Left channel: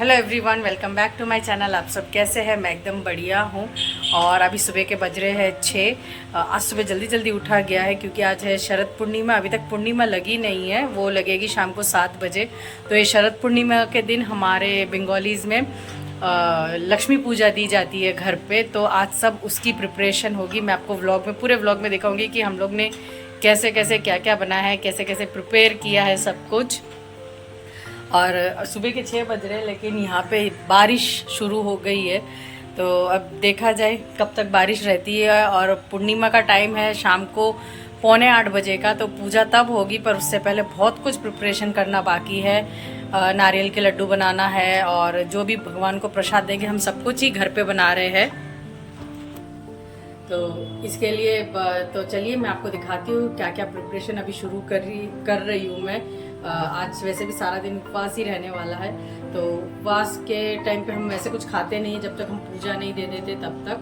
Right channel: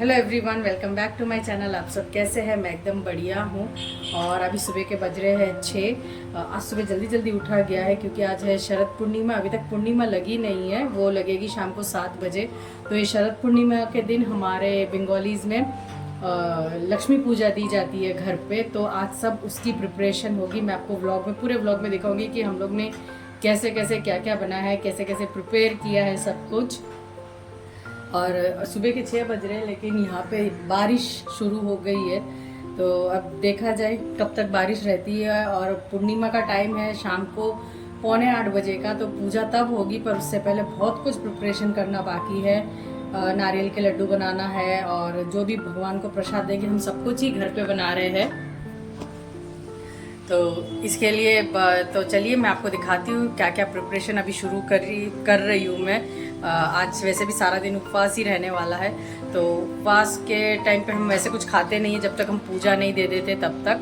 Hello everyone, welcome back to my channel. आप सब कैसे हैं? मैं एकदम बढ़िया हूँ। और अभी सुबह के बज रहे हैं 6। आज सुबह जल्दी जल्दी उठा गया है क्योंकि आज है शरद पूर्णिमा। अभी तक पूर्णिमा लगी नहीं है, वो लगेगी शाम को 7 बजे। तो ये शरद पूर्णिमा के दिन हमारे बंगालीज़ में लक्ष्मी पूजा दी जाती है घर पे। तो आज सब उसकी प्रिपरेशन होगी। मैं आपको व्लॉग में, पूरे व्लॉग में दिखाऊंगी कि हम लोग ने कैसे कैसे क्या क्या बनाया है, कैसे कैसे प्रिपेयर किया है सब कुछ। और सुबह के 6 बज रहे हैं, लेकिन यहाँ पे बारिश शुरू हो गई है। तो अब देखा जाए कब तक बारिश रहती है। और पूर्णिमा का टाइम है शाम को 7:45 बजे का, तो पूजा तब होगी। पर उससे पहले बहुत कुछ प्रिपरेशन करना बाकी है। नारियल के लड्डू बनाना है और जो भी भगवान को प्रसाद देंगे हम सब कुछ ही घर पे बना रहे हैं। तो इसके लिए तो चलिए मैं आपको दिखाती हूँ क्या क्या प्रिपरेशन अभी शुरू कर रही हूँ मैं। आज वैसे भी सारा दिन उपवास ही रहने वाला है। तो उपवास के टाइम पे हम वैसे कुछ खाते नहीं हैं जब तक हम पूजा नहीं दे देते तब तक।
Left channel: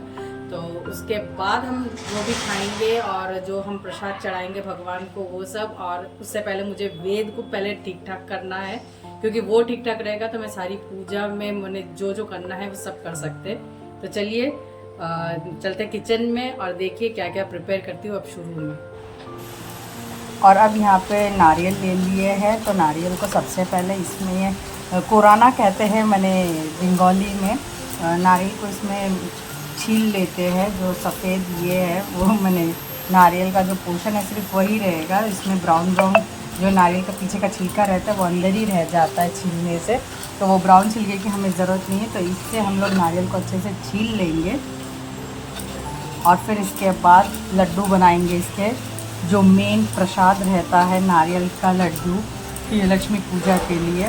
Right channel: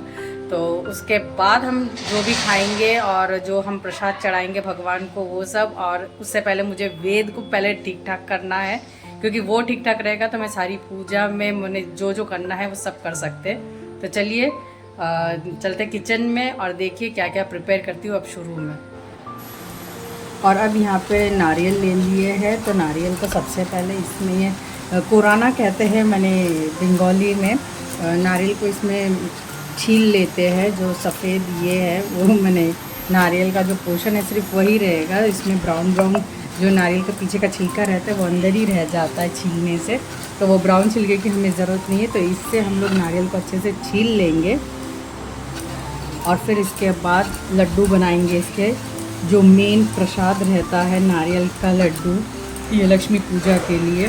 तो उसके बाद हम जो भी खाएंगे और जो हम प्रसाद चढ़ाएंगे भगवान को वो सब। और उससे पहले मुझे वेद को पहले ठीक ठाक करना है, क्योंकि वो ठीक ठाक रहेगा तो मैं सारी पूजा में मैंने जो जो करना है वो सब कर सकते। तो चलिए चलते किचन में और देखिए क्या क्या प्रिपेयर करती हूँ अब शुरू में। और अब यहाँ पे नारियल ले लिए हैं। तो नारियल को सबसे पहले इसमें ये कोराना कहते हैं मैंने बंगाली में। नारियल को इसमें छील लेते हैं। जो सफ़ेद ये है वो मैंने नारियल का जो पोर्शन है सिर्फ वही रहेगा। इसमें ब्राउन ब्राउन जो नारियल का पीछे का छिलका रहता है वो अंदर ही रह जाता है छीलने से। तो वो ब्राउन छिलके की हमें ज़रूरत नहीं है। तो इससे हम लोग नारियल को अच्छे से छील लेंगे और फिर इसके बाद लड्डू बनाएंगे। इसके जो मेन प्रसाद रहता है नारियल का लड्डू, ये लक्ष्मी पूजा के लिए।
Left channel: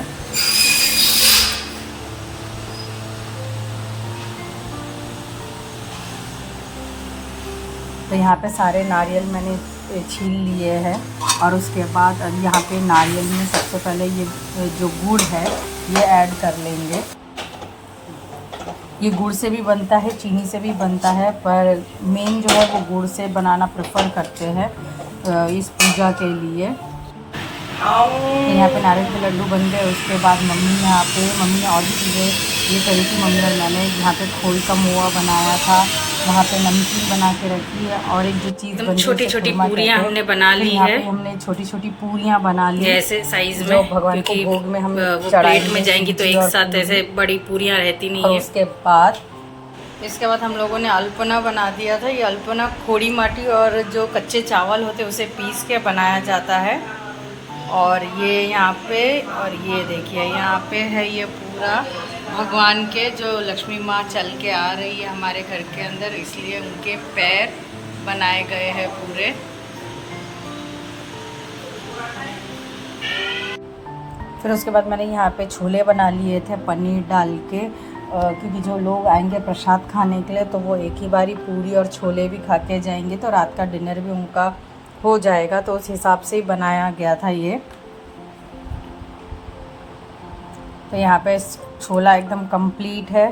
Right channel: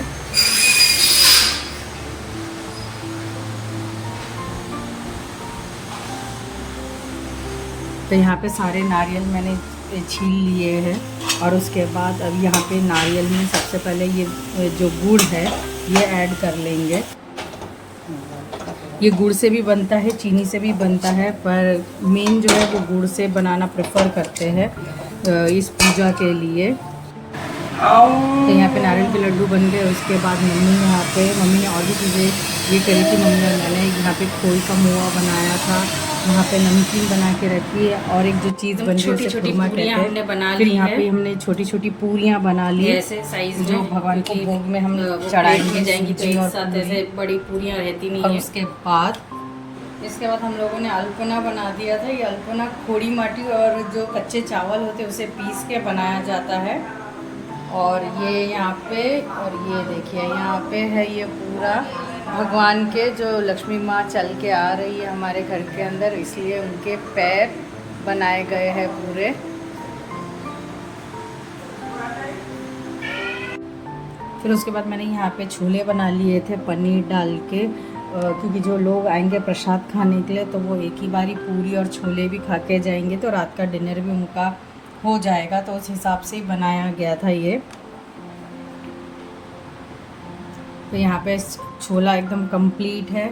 तो यहाँ पे सारे नारियल मैंने छील लिए हैं। और उसके बाद अब यहाँ पे नारियल में सबसे पहले ये जो गुड़ है ये ऐड कर लेंगे। ये गुड़ से भी बनता है, चीनी से भी बनता है, पर मेन जो है वो गुड़ से बनाना प्रेफर करते हैं इस पूजा के लिए। तो यहाँ पे नारियल के लड्डू बन गए। उसके बाद मम्मी ने और भी चीज़ें ये करी थी। मम्मी और मैंने यहाँ पे खोल का मुआ बनाया था, वहाँ पे नमकीन बना के रखी है। और एक जो चीज़ बनी छोटी छोटी पूरियाँ हमने बना ली है। यहाँ पे हमने छोटी छोटी पूरियाँ बना ली ऐसे साइज में, जो भगवान को भोग में हम प्लेट में जाएंगी तो एक साथ ऐसे बड़ी पूरियाँ रहती नहीं है। इसके बाद हम लोगों ने अल्पना बना दिया था। ये अल्पना खोड़ी माटी और जो कच्चे चावल होते हैं उसे पीस के बनाया जाता है। और ये यहाँ पे, और ये देखिए यहाँ पे है ये पूरा भगवान के जो लक्ष्मी माँ चल के आ रही है हमारे घर के अंदर, इसलिए उनके पैर बनाए गए हैं पूरे। फिर उसके बाद मैंने यहाँ पे छोले बना लिए थे पनीर डाल के, क्योंकि जो लोग आएंगे प्रसाद खाने के लिए तो वो एक ही बारी पूरी और छोले भी खा के जाएंगे, तो रात का डिनर भी उनका हो जाएगा। तो उस हिसाब से ही बनाया गया था ये। तो यहाँ पे छोला एकदम कंप्लीट है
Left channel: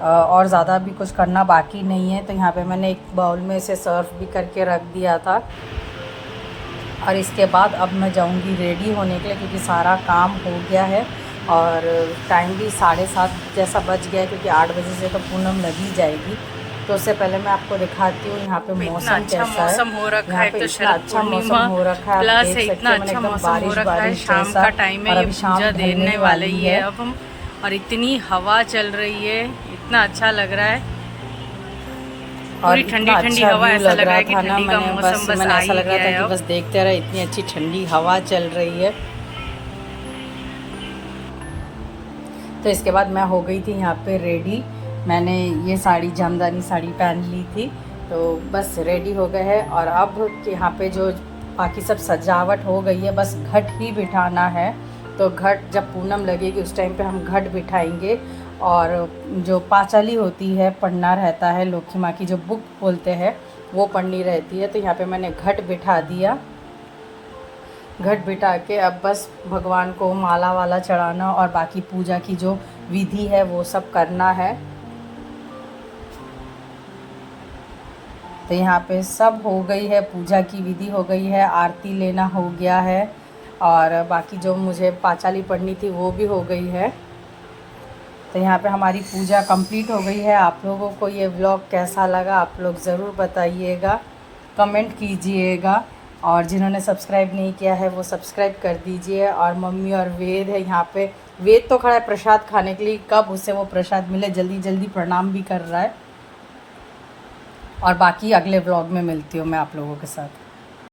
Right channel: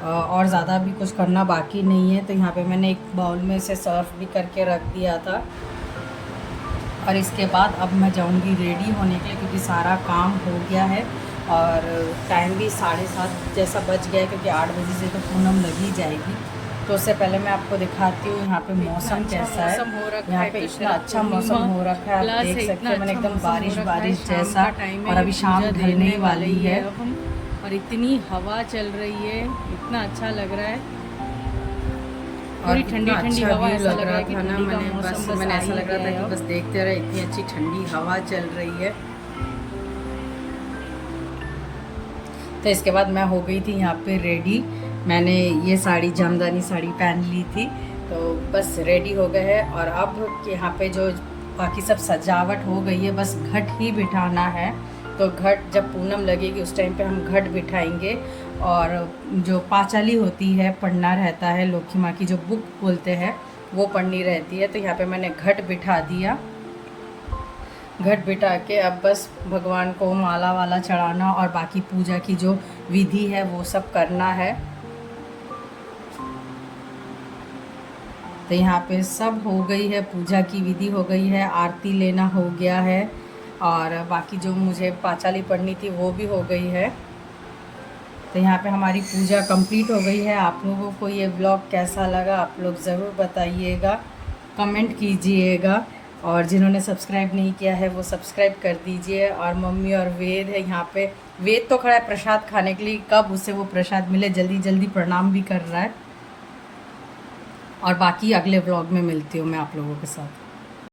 और ज़्यादा भी कुछ करना बाकी नहीं है। तो यहाँ पे मैंने एक बाउल में इसे सर्व भी करके रख दिया था। और इसके बाद अब मैं जाऊँगी रेडी होने के लिए, क्योंकि सारा काम हो गया है और टाइम भी 7:30 जैसा बज गया है, क्योंकि 8 बजे से तो पूनम लगी जाएगी। तो उससे पहले मैं आपको दिखाती हूँ यहाँ पे मौसम कैसा है। मौसम हो रखा है, इतना अच्छा मौसम हो रखा है, प्लस है इतना अच्छा मौसम हो रखा है। शाम का टाइम है, ये पूजा देने वाले ही है अब हम। और इतनी हवा चल रही है, इतना अच्छा लग रहा है। पूरी ठंडी ठंडी हवा, ऐसा लग रहा है कि ठंडी का मौसम बस ऐसा लग रहा था कि बस देखते रहे, इतनी अच्छी ठंडी हवा चल रही है। तो इसके बाद मैं हो गई थी यहाँ पे रेडी। मैंने ये साड़ी, जामदानी साड़ी पहन ली थी, तो बस रेडी हो गए हैं। और अब यहाँ पे जो बाकी सब सजावट हो गई है, बस घट ही बिठाना है। तो घट जब पूनम लगेगी उस टाइम पे हम घट बिठाएंगे। और जो पांचाली होती है, पढ़ना रहता है, लक्ष्मी माँ की जो बुक बोलते हैं वो पढ़नी रहती है। तो यहाँ पे मैंने घट बिठा दिया। घट बिठा के अब बस भगवान को माला वाला चढ़ाना और बाकी पूजा की जो विधि है वो सब करना है। तो यहाँ पे सब हो गई है, पूजा की विधि हो गई है, आरती लेना हो गया है और बाकी जो मुझे पांचाली पढ़नी थी वो भी हो गई है। तो यहाँ पे हमारी पूजा कंप्लीट हो गई है। आप लोगों को ये व्लॉग कैसा लगा आप लोग ज़रूर बताइएगा, कमेंट कीजिएगा, और जिन्होंने सब्सक्राइब नहीं किया है वो सब्सक्राइब कर दीजिए। और मम्मी और वेद है यहाँ पे, वेद तो खड़ा है प्रसाद खाने के लिए, कब उसे वो प्रसाद मिले, जल्दी जल्दी प्रणाम भी कर रहा है। और बाकी अगले व्लॉग में मिलती हूँ मैं आप लोगों के साथ।